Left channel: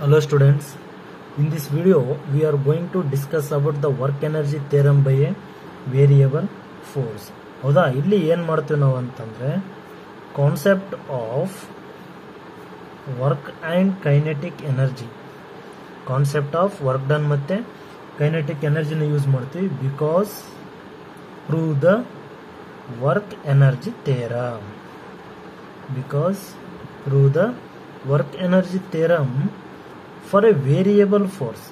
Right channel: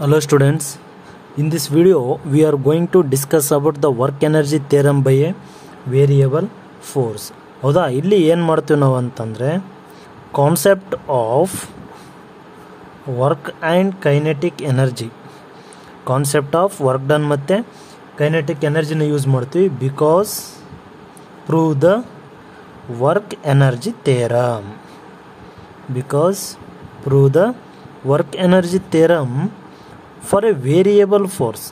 Hello students, in this video we are going to discuss about the work energy theorem by a variable force. ಹೌದಾ, ಇಲ್ಲಿ ಏನು ಮಾಡ್ತೀವಿ ನಾವು ಅಂತಂದರೆ concept of work and kinetic energy, concept of work done ಮತ್ತು kinetic ಎನರ್ಜಿನ use ಮಾಡ್ತೀವಿ. Because prove the work energy theorem, because prove the work energy theorem for A variable force.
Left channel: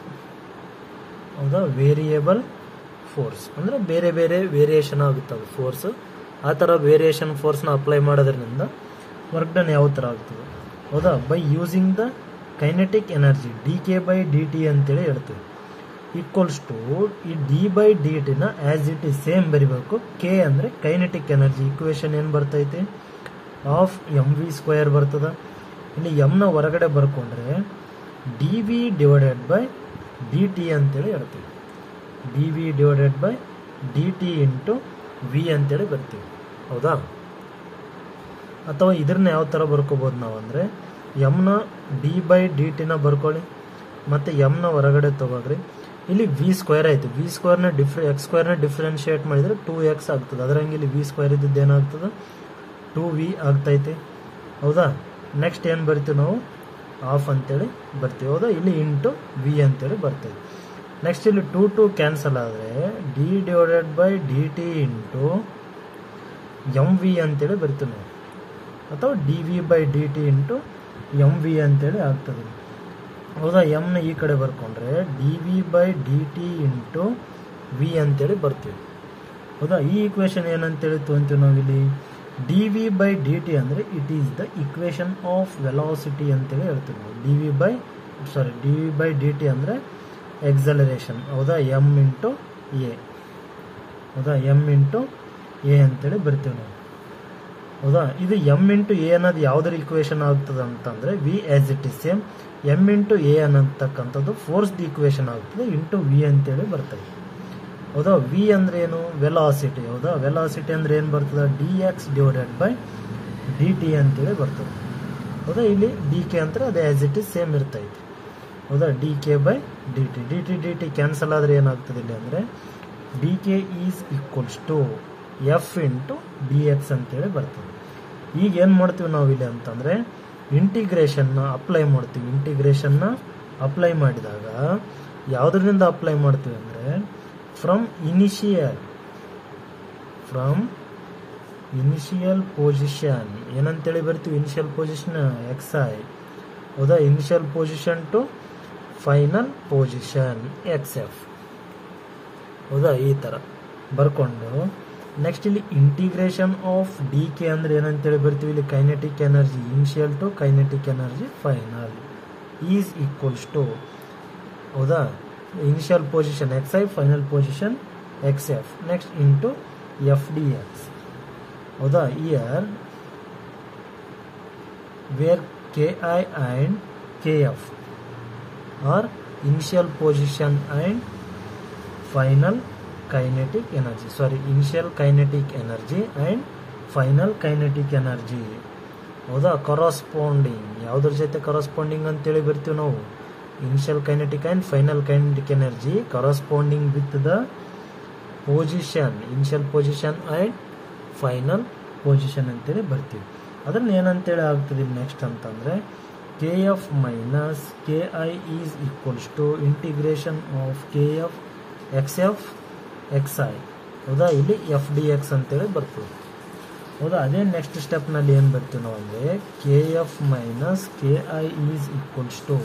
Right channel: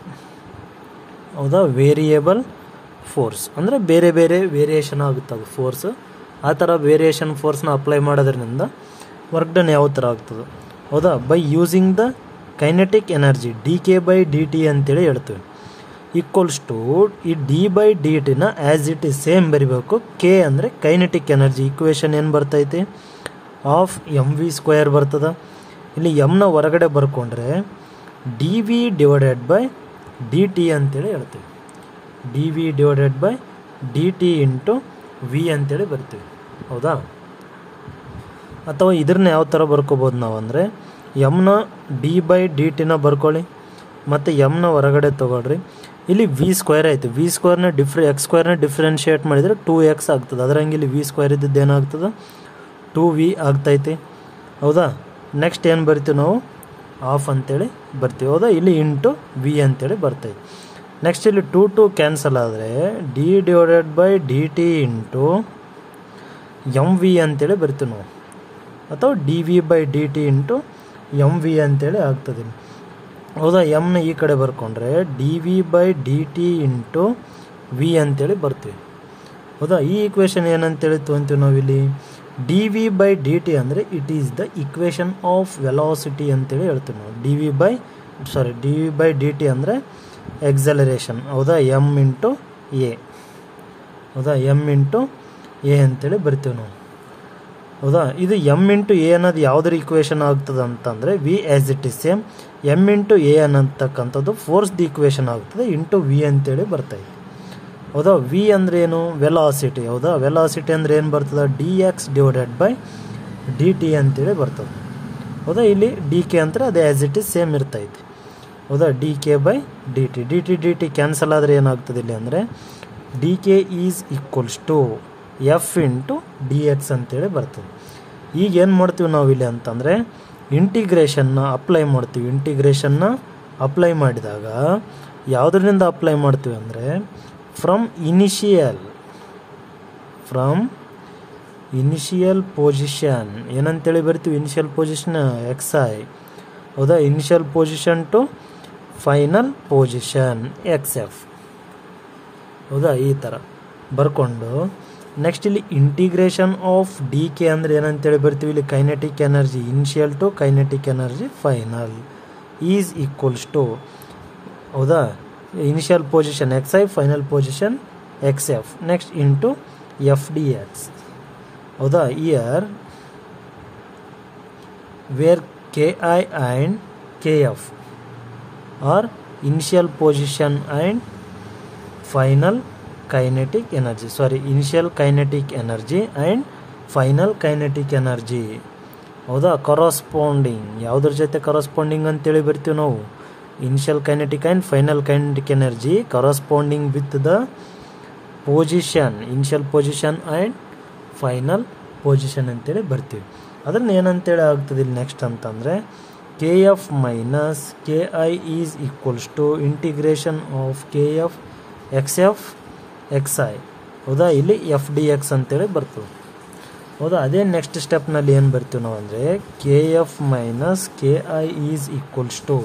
ಹೌದಾ, variable force ಅಂದರೆ ಬೇರೆ ಬೇರೆ ವೇರಿಯೇಷನ್ ಆಗುತ್ತೆ ಅದು force. ಆ ಥರ ವೇರಿಯೇಷನ್ ಫೋರ್ಸ್ನ ಅಪ್ಲೈ ಮಾಡೋದ್ರಿಂದ ವರ್ಕ್ ಡನ್ ಯಾವ ಥರ ಆಗ್ತದೆ. ಹೌದಾ, by using the kinetic energy D K by D T ಅಂತೇಳಿ ಹೇಳ್ತೀವಿ. ಈಕ್ವಲ್ಸ್ ಟು ಈ ಡಿ ಬೈ ಡಿ ಟಿನ ಆ್ಯಸ್ ಇಟ್ ಈಸ್ ಸೇಮ್ ಬರಿಬೇಕು. ಕೆ ಅಂದರೆ ಕೈನೆಟಿಕ್ ಎನರ್ಜಿ, ಈಕ್ವೇಷನ್ ಏನು ಬರ್ತೈತಿ, ಆಫ್ ಎಮ್ ವಿ ಸ್ಕ್ವೇರ್ ಬರ್ತದೆ. ಇಲ್ಲಿ ಎಮ್ನ ಹೊರಗಡೆ ಬರ್ಕೊಂಡ್ರೆ D V divided by D T ಅಂತೇಳಿ ಹೇಳ್ತೀವಿ. D V divided by D T into V ಅಂತೇಳಿ ಬರ್ತೀವಿ. ಹೌದಾ, ಅಥವಾ ಇದ್ರನ್ನ ಯಾವ ಥರ ಬರ್ಕೋಬೋದು ನಾವು ಅಂದರೆ ಎಮ್ನ ಡಿ ಬೈ ಡಿ ಟಿನ ಬರ್ಕೊಳ್ಳಿ ಮತ್ತು ಎಮ್ನ ಹೊರಗಡೆ ತೊಗೊಳ್ರಿ. ಇಲ್ಲಿ ವಿ ಸ್ಕ್ವೇರ್ ಆಯಿತು, ವಿ ಸ್ಕ್ವೇರ್ನ ಎಕ್ಸ್ ಸ್ಕ್ವೇರ್ನ ಡಿಫ್ರೆನ್ಷಿಯೇಟ್ ಮಾಡಿದರೆ 2x ಆಗ್ತದೆ. ಅದರಂಗೆ ಇಲ್ಲಿ ವಿ ಸ್ಕ್ವೇರ್ ಇದ್ದದ್ದು ಏನಾಗ್ತದೆ, 2v ಆಗ್ತೈತಿ. ಹೌದಾ, ನೆಕ್ಸ್ಟ್ ಏನು ಬರ್ತೀವಿ ನಾವು, ಆಫ್ ಅಂತೇಳಿ ಬರ್ತೀವಿ. ಹೌದಾ, ಇಲ್ಲಿ ಇಂಟು ವಿ ಅಂತೇಳಿ ಬರ್ತೈತೆ. ನೆಕ್ಸ್ಟ್ ಇಲ್ಲಿ 2 ಕ್ಯಾನ್ಸಲ್ ಆದರೆ D divided by D T into M V ಅಂತೇಳಿ ಬರ್ತೀವಿ ನಾವು, ಅಥವಾ D V by D T into M V ಅಂತೇಳಿ ಆಗ್ತದೆ. ಹೌದಾ, ಎಮ್ನ ಈ ಕಡೆ ಬರ್ಕೊಂಡ್ರೆ D V by D T into V ಅಂತೇಳಿ ಬರ್ತೀವಿ. ಹೌದಾ, ಈ ಈಕ್ವೇಷನ್ ಏನಂತೇಳಿ ತೊಗೊಂತೀವಿ ನಾವಿಲ್ಲಿ, D V by D T ಅಂದರೆ it is the equation of velocity ಅಂತೇಳಿ ಹೇಳ್ತೀವಿ ನಾವು. D V by D T ಅಂದರೆ ಎಕ್ಸಲರೇಷನ್. ಹೌದಾ, ಎಮ್ ಇಂಟು ಎ. ಹೌದಾ, ಎಮ್ ಇಂಟು ಎ ಅಂತೇಳಿ ಬರ್ತೀವಿ ನಾವು. ಹೌದಾ, ಇದು ಎಮ್ ಇಂಟು ಎ ಅನ್ನೋದು ಯಾವುದ್ರ ಈಕ್ವೇಷನ್ ಆಗ್ತದೆ ಅಂತಂದರೆ V as it is same. M into A ಅನ್ನತಕ್ಕಂಥದ್ದು ಫೋರ್ಸ್ದು ಈಕ್ವೇಷನ್ ಆಗ್ತದೆ ಇಂಟು ವಿ ಅಂತೇಳಿ ಬರ್ತದೆ. ಹೌದಾ, ವಿ ಅಂದರೆ ಏನು, ವೆಲಾಸಿಟಿ. ಹೌದಾ, ವೆಲಾಸಿಟಿ ಅಂದರೆ ಏನು ಬರ್ತದೆ, D X divided by D T ಅಂತೇಳಿ ಬರ್ತದೆ. ಹೌದಾ, ಇಲ್ಲಿ ಡಿ ಕೆ ಅಂದರೆ ಅದು ಆ್ಯಸ್ ಇಟ್ ಈಸ್ ಸೇಮ್ ಇರ್ತೈತಿ. ಹೌದಾ, D K by D T, D T cancel ಆದರೆ ಏನಾಗ್ತದೆ ಇಲ್ಲಿ ಅಂದರೆ D K is equals to F into D X ಅಂತೇಳಿ ಬರ್ತದೆ. ಈಗ ಏನು ಮಾಡ್ತೀವಿ ನಾವು ಇಲ್ಲಿ ಅಂತಂದರೆ ಇಂಟಿಗ್ರೇಷನ್ನ ಅಪ್ಲೈ ಮಾಡ್ತೀವಿ. ಇಂಟಿಗ್ರೇಷನ್ನ ಅಪ್ಲೈ ಮಾಡಿದಾಗ ಯಾವುದರಿಂದ ಅಪ್ಲೈ ಮಾಡ್ತೀವಿ ಅಂದರೆ ಫ್ರಮ್ ಇನಿಷಿಯಲ್ ಪೊಸಿಷನ್ ಏನಂತೇಳಿ ಬರ್ತೀವಿ, ಇನಿಷಿಯಲ್ ಪೊಸಿಷನ್ ಎಕ್ಸ್ ಐ. ಹೌದಾ, initial position to final position X F. ಹೌದಾ, ಈ ಥರ ಬರ್ಕೊಂಡು ನೆಕ್ಸ್ಟ್ ಇಲ್ಲಿ ಇಂಟಿಗ್ರೇಷನ್ ಆಫ್ ಡಿ ಕೆ ಅಂದರೆ ಏನಂತೇಳಿ ಬರ್ತೀವಿ, ಇಲ್ಲಿ kinetic energy initial to kinetic energy final is equals to, ಹೌದಾ, initial position X I, final position X F, next into F D X. ಹೌದಾ, here where K I and K F are initial position and final kinetic energy, initial kinetic energy and final kinetic energy. ಹೌದಾ, corresponding ಯಾವುದ್ರ ಜೊತೆ corresponding ಅಂತೇಳಿ ಬರ್ತೀವಿ ನಾವು, initial kinetic and final kinetic energy corresponding with the position, initial position and final position ಅಂತೇಳಿ ಬರ್ತೀವಿ. ಅದನ್ನು ಏನಂತೇಳಿ ಆಗ್ತದೆ ಇಲ್ಲಿ ನೆಕ್ಸ್ಟ್ ಅಂತಂದರೆ K F minus K I is equals to integration of K F X F X I. ಹೌದಾ, ಇಲ್ಲಿ F D X ಅಂತೇಳಿ ಬರ್ತದೆ. ಹೌದಾ, ಅದೇ ನೆಕ್ಸ್ಟ್ ಸ್ಟೆಪ್ನಲ್ಲಿ ಏನು ಬರ್ತೀವಿ ನಾವು ಅಂದರೆ K F minus K I is equals to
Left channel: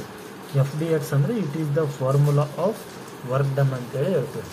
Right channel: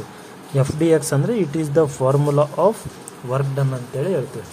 F D X ಅಂದರೆ it is the formula of work done ಅಂತೇಳಿ ಹೇಳ್ತೀವಿ.